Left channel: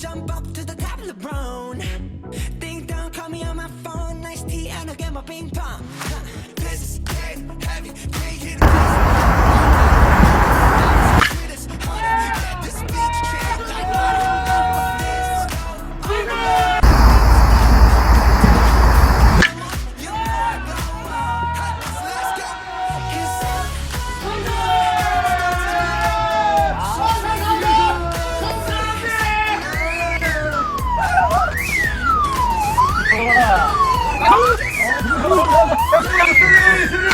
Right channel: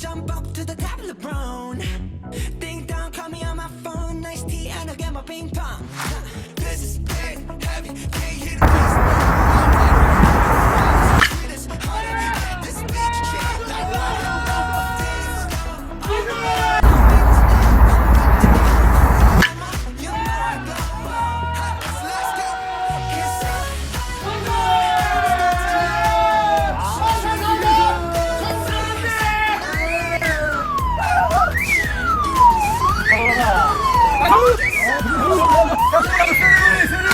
jump up to the top of the brown. Ding dong, call me on my phone. Nice tea, and I'll get my ping pong. 박수! 박수!